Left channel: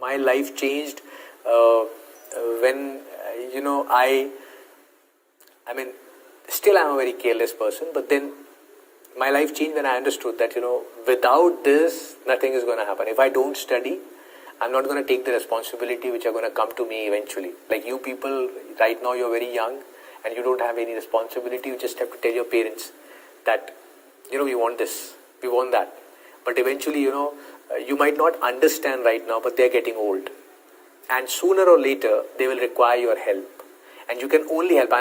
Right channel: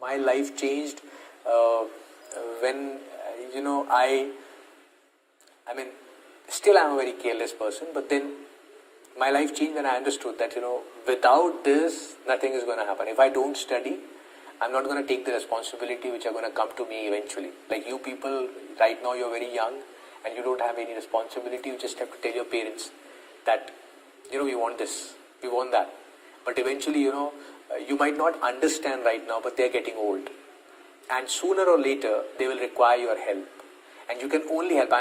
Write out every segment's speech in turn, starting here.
My life changed when, I mean, still I'm a very careless person, but then my life changed when I understood that, without this, nothing is going to happen. If I don't study, I'm not going to take the responsibility which are going to come to me eventually. Like you people, right now you're very young and you don't have any responsibility. You just have to tell your parents that, we want this, we want that. But eventually, you might not understand right now, but they're getting old. And sooner or later, they will require your help. And you can only help.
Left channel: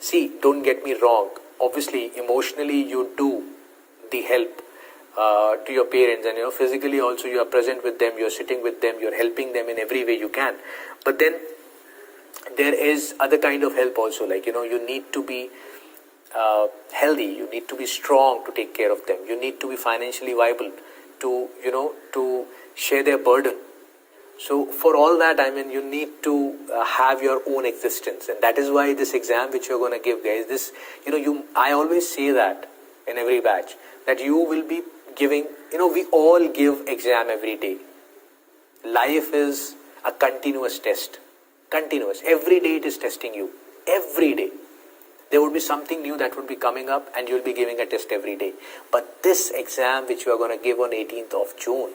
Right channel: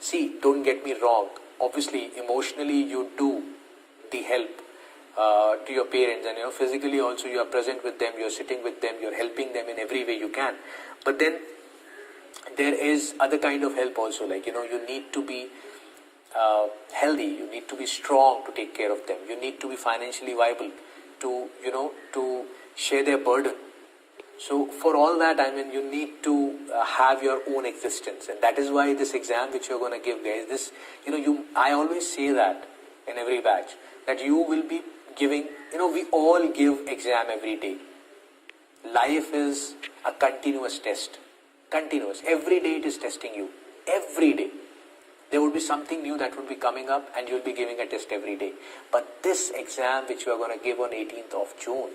See, don't get me wrong. Obviously, emotionally, you do the help to your parents. And, physically also, you are present with them. You're sitting with them. You're helping them in every way you can. But then, there is other kind of help also. Like, you need to be healthy. You need to be strong to take care of them. You need to be financially viable to, to share their burden. So for all that, you need to have your own existence. And that is why this exam which you're going to give, guys, I always say that in every batch, that you will be giving, we all give exam every day. Life is a continuous test. Continuous. Every day it is testing you. Every day. There would be something new that would be coming up and you'll be giving a test every day. But this exam which you are going to give on 18th of June,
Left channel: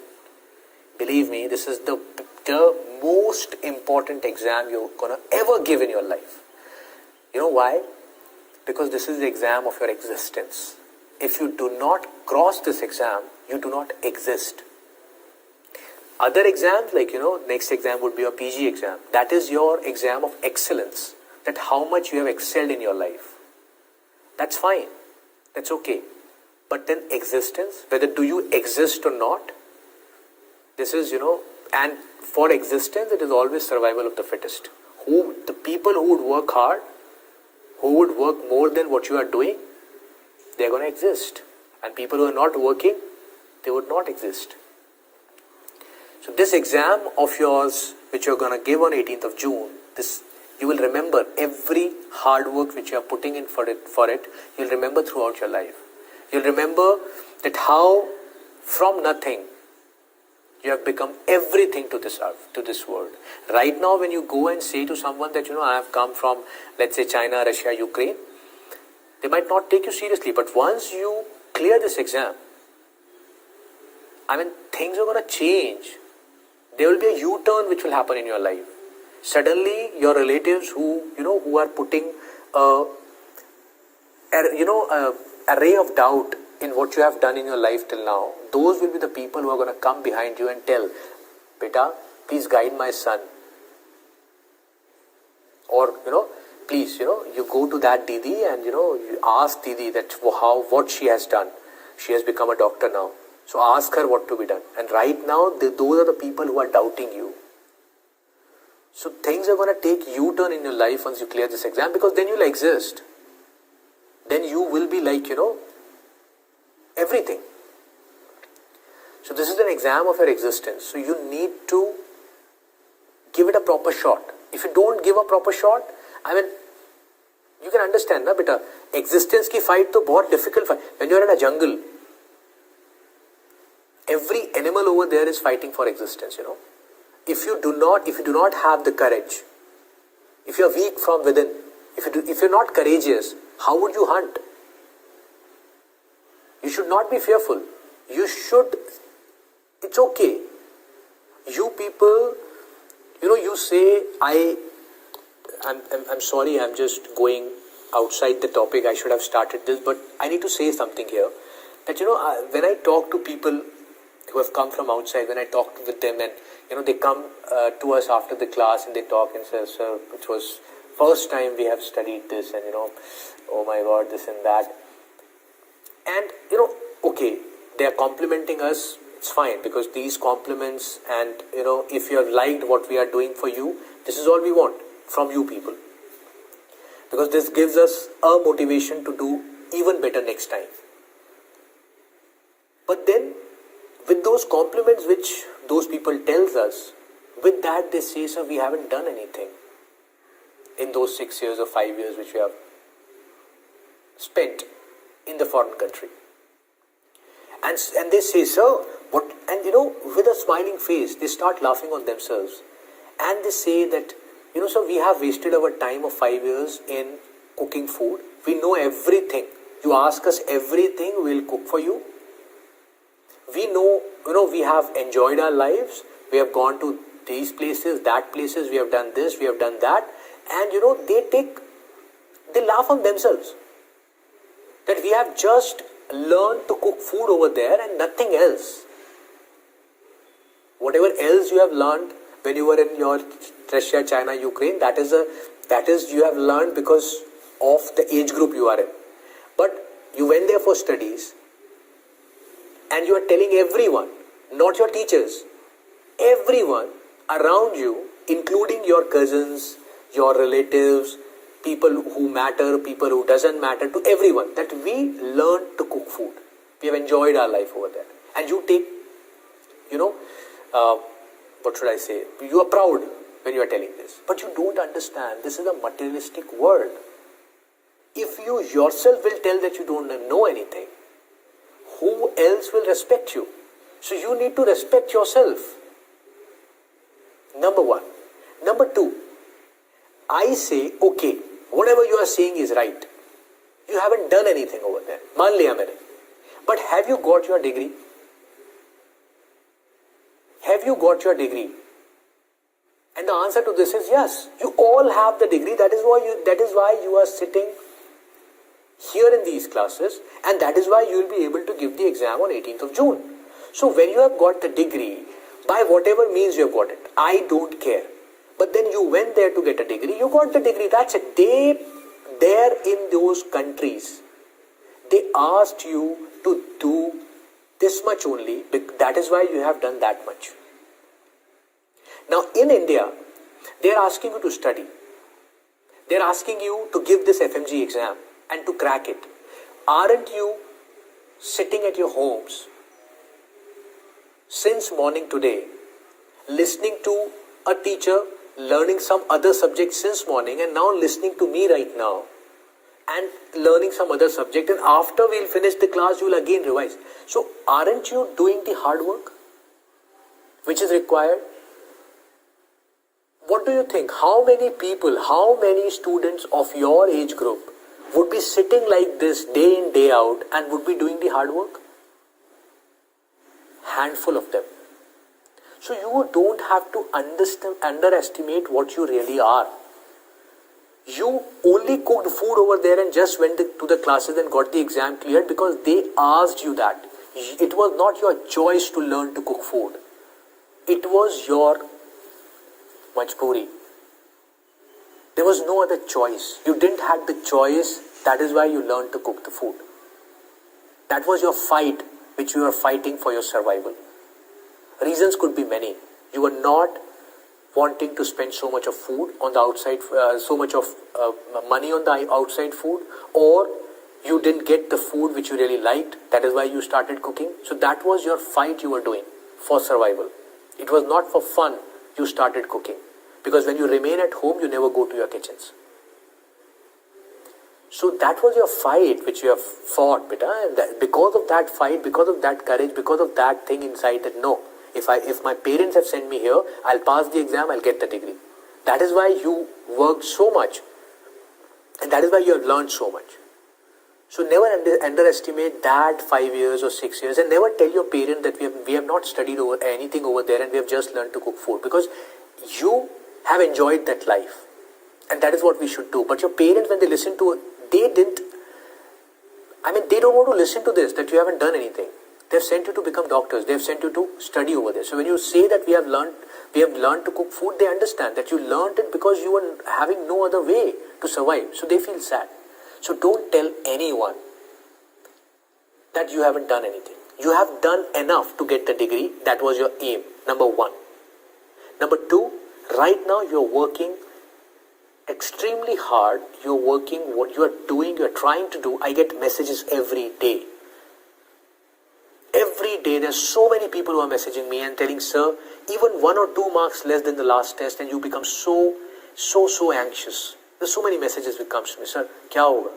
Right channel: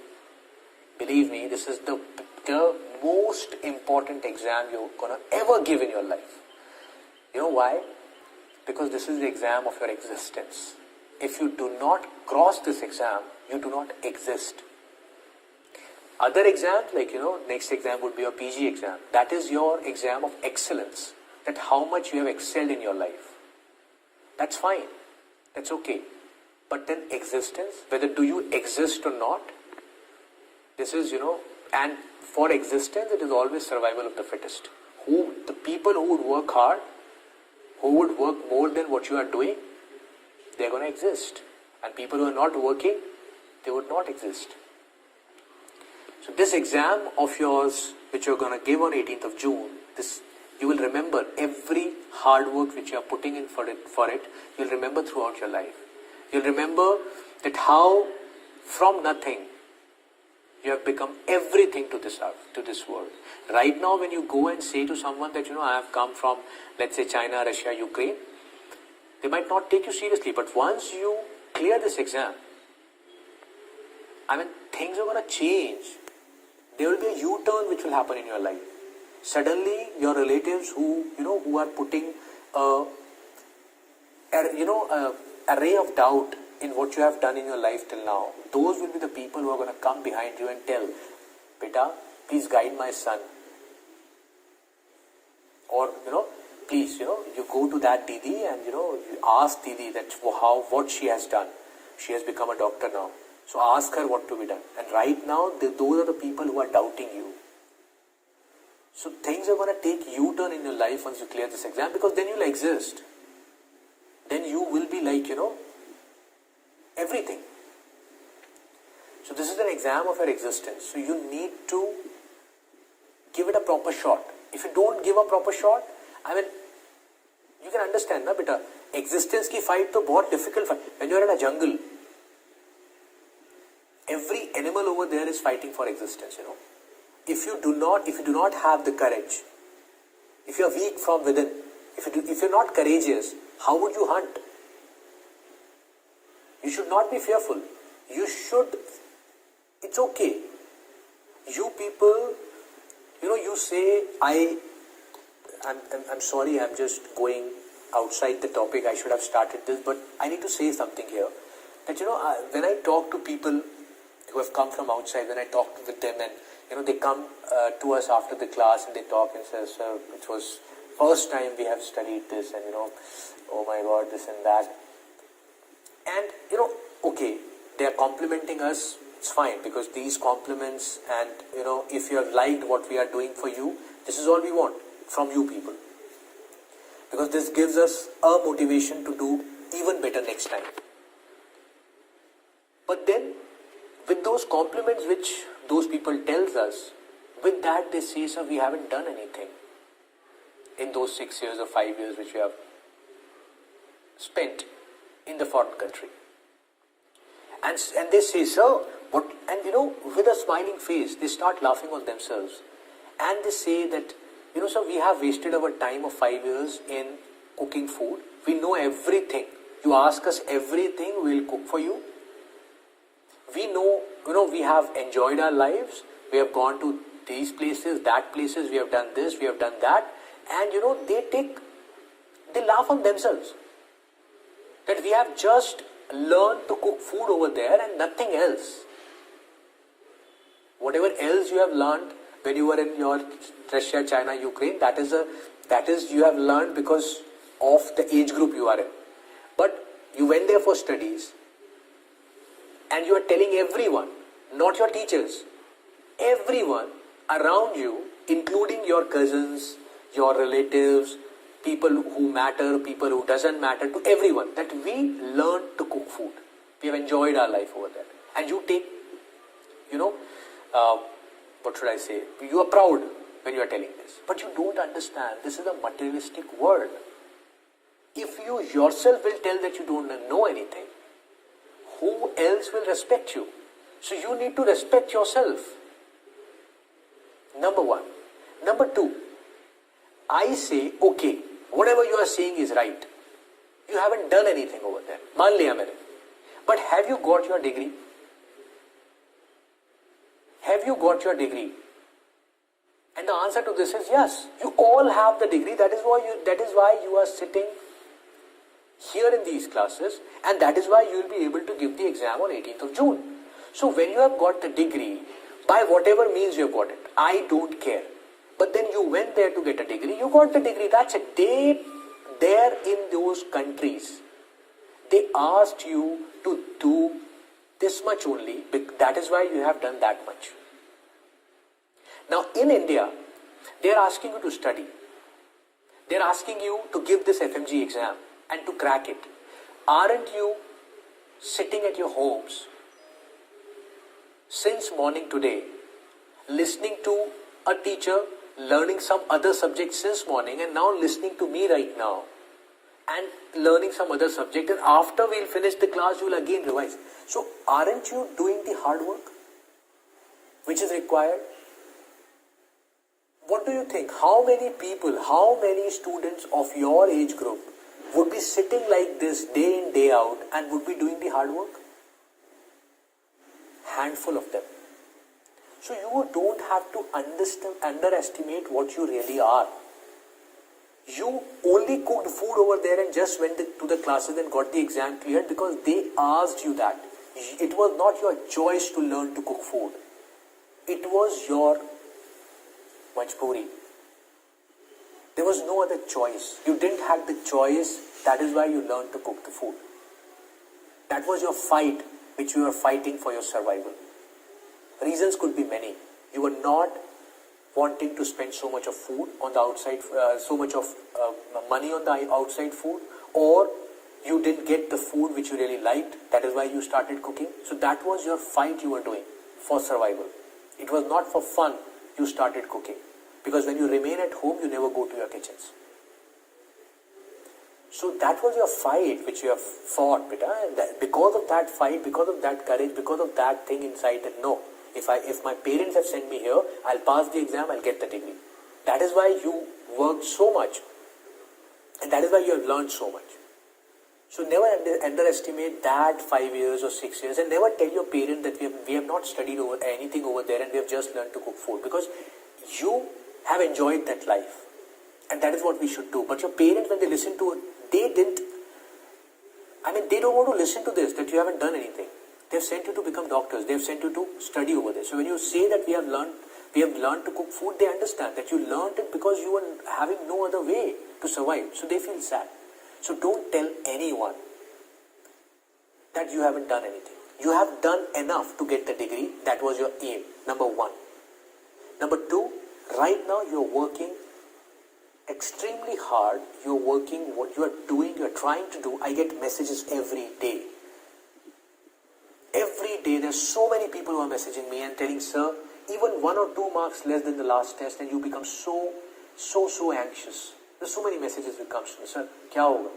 believe me, this is the most important exam you're going to ever give in your life. You know why? Because this is the exam of your existence. If you do not cross this exam, you do not exist. Other exams, like, next exam would be your PG exam. That is your exam of excellence. That how much you have excelled in your life. That's fine. That's okay. But then existence, whether do you exist or not, this is, and for existence, it is always survival of the fittest. The people who would work hard, who would work more than what you are doing, they're going to exist. And people who are not working, they would not exist. So this exam of yours, which you're going to give on 18th of June, you will remember every hard work which you are putting in for it, you'll remember throughout your life. You'll remember that how from nothing you have become everything to this earth, to this world. Right now when you go and say to someone that, I have come from, let's say, China, Russia, Ukraine, they might not take you seriously. But once you clear this exam, things are going to change. There will be a U-turn which will happen in your life. Suddenly, your relatives who are putting a ray of doubt in what you have done in your life till now, those will be the people who are going to come behind you and tell, Beta, please guide my son. Or, please, you go to that Didi and, you ask Didi that what she has done. She has become a doctor now. So ask her what to be done. And right now, those are the people who are doubting you. So things are going to take U-turn in your life once you clear this exam, because then you'll exist. Then you will be like, everything. So this is an exam of your existence. So you need to give it a proper shot. If you don't give a proper shot, you can understand, na beta, existence ki fight to bahut difficult fight. When you're in a jungle, every animal over there is fighting for existence, If you do not have the courage, if you are weak from within, if you're not courageous, how would you hunt? You should not be fearful. It's okay. You people, you say, I'm sorry, I'm just going outside the topic. I should have started this, but I need to say something here. That, when I talk to people who have come from outside, when I talk with them and, they come to us after the class and they talk and say, sir, it was first time we have studied this and, oh my God, this and that. And, okay, they are complimenting us, it's fine, because these compliments and, if you have liked what we are doing for you, this is all we want from you people. Because this gives us a motivation to do even better next time. But then, with those compliments which those people tells us, with that they say, sir, we haven't done anything in those 6 years or 5 years which we have spent in the foreign country. And they say, sir, And with a smiling face, they start laughing on themselves. And they say that, so we have wasted our time of 5 years in cooking food. We know everything. You ask us everything, we'll cook for you. We know, we have enjoyed our lives. We have gone to these places, that places. We have done this, we have done that. And, they laugh on themselves. That we have just learned to cook food over there and nothing else. Whatever else you have learned when you were in your Russia, China, Ukraine, that is you have learned because of the age group you are in. But you went there for studies and you are telling everyone, not your teachers, everyone around you, including your cousins, your relatives, people who matter, people who doesn't matter, to everyone, that we learned to cook food. We have enjoyed our life over there. And you take, what should I say? You are proud when you are telling this. But you don't understand, this is a materialistic world. If you yourself will tell that you don't know anything, who else will respect you? So you need to respect yourself. Number one. Number two, I say, okay, whatever you are saying is right. You haven't done anything over there. मान लिया मैंने. But have you got your degree? Have you got your degree? And the answer to this is yes. You all have the degree. That is why you are sitting here in these classes, and that is why you will be able to give the exam on 18th of June. So when you have got the degree, by whatever means you have got it, I don't care. But then you went there to get a degree, you got the degree, that's it. There in those countries, they asked you to do this much only, that is why you have done that much. Now in India, they are asking you to study. They are asking you to give this FMGE exam and to crack it. Aren't you sitting at your homes since morning today, listening to a teacher, learning some other subject since morning, and now listening to me right now and learning some other subject, and after we'll finish the class, you will again revise. So aren't you doing the hard work which is required? What do you think? How many people, how many students of your age group would be sitting like this day in, day out and would be doing the hard work? Handful of them. So you don't have to underestimate what you really are. You only cooked food over there and just went to the classes and got the exam cleared because they asked you that. It was not your choice to learn to cook food. It was your majboori. There was no other choice. You didn't have the choice. That is why you learned to cook the food. That was your fight, which you were fighting for your survival. Reasons could be many. You were not wanting to spend so much of food on the outside, so much of money on the outside food, or you didn't get the food which you really liked. That is why you started cooking. So that was your fight you were doing for survival. It was not for fun you started cooking. Because when you remain at home, you never go to your kitchens. So that was your fight which you have fought, beta. And because of that fight, because of that courage, because of that thing inside that no, if my parents have sent me here, I'll pass the exam, I'll get the degree. That is why you worked so much. And that is why you have learned so much. So never underestimate that 5 years or 6 years, and never tell your parent that we have not studied anything over there and we have just learned to cook food, because you have enjoyed that life. And that is what we should do. But your parents, when they listen to it, they don't want to listen to this, that you haven't done anything. They have sent you to become doctors. They have sent you to study over there. So when you say that we have learned to cook food, they understand that you learned it because you were having no other way to survive. So they feel sad. So don't tell anyone that you haven't done anything. You have done enough to get the degree. That was your aim, number one. Number two, right now you're working extremely hard. You're working, what you are doing, you're trying to do. I get messages every day. Every day there's so many people who are messaging me and telling, sir, even 1 or 2 marks less than the last test and you become so anxious. There's so many messages which comes to me, sir, kya hoga?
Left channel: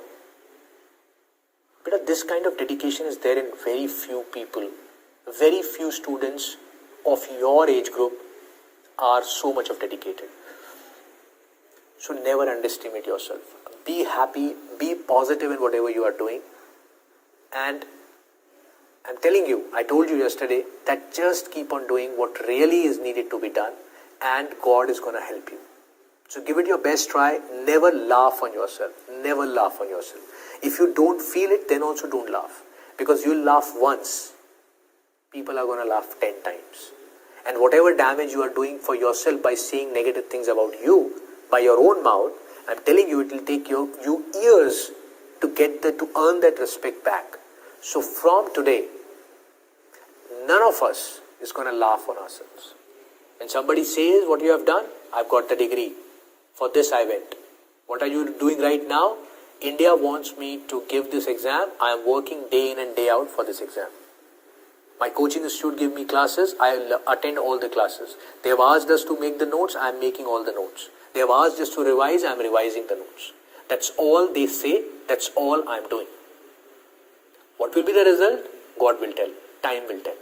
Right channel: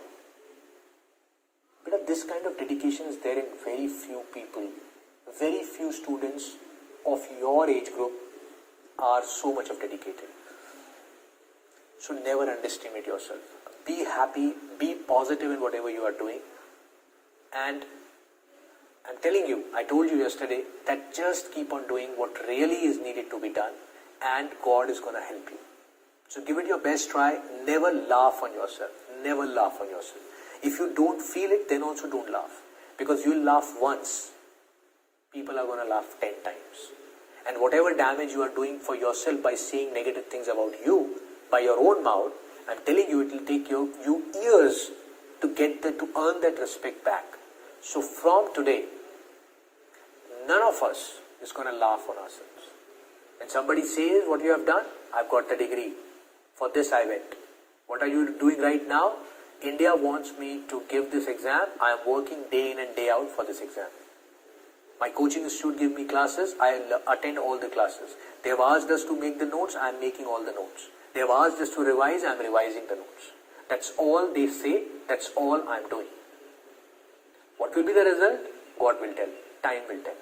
But this kind of dedication is there in very few people. very few students of your age group are so much of dedicated. So never underestimate yourself. Be happy, be positive in whatever you are doing. And I'm telling you, I told you yesterday that just keep on doing what really is needed to be done, and God is going to help you. So give it your best try. Never laugh on yourself. Never laugh on yourself. If you don't feel it, then also don't laugh. Because you'll laugh once, people are going to laugh 10 times. And whatever damage you are doing for yourself by saying negative things about you, by your own mouth, I'm telling you, it will take you years to earn that respect back. So from today, none of us is going to laugh on ourselves. When somebody says what you have done, I've got the degree. For this I went. What are you doing right now? India wants me to give this exam. I am working day in and day out for this exam. My coaching institute give me classes. I attend all the classes. They have asked us to make the notes. I am making all the notes. They have asked us to revise. I am revising the notes. That's all they say. That's all I am doing. What will be the result? God will tell. Time will tell.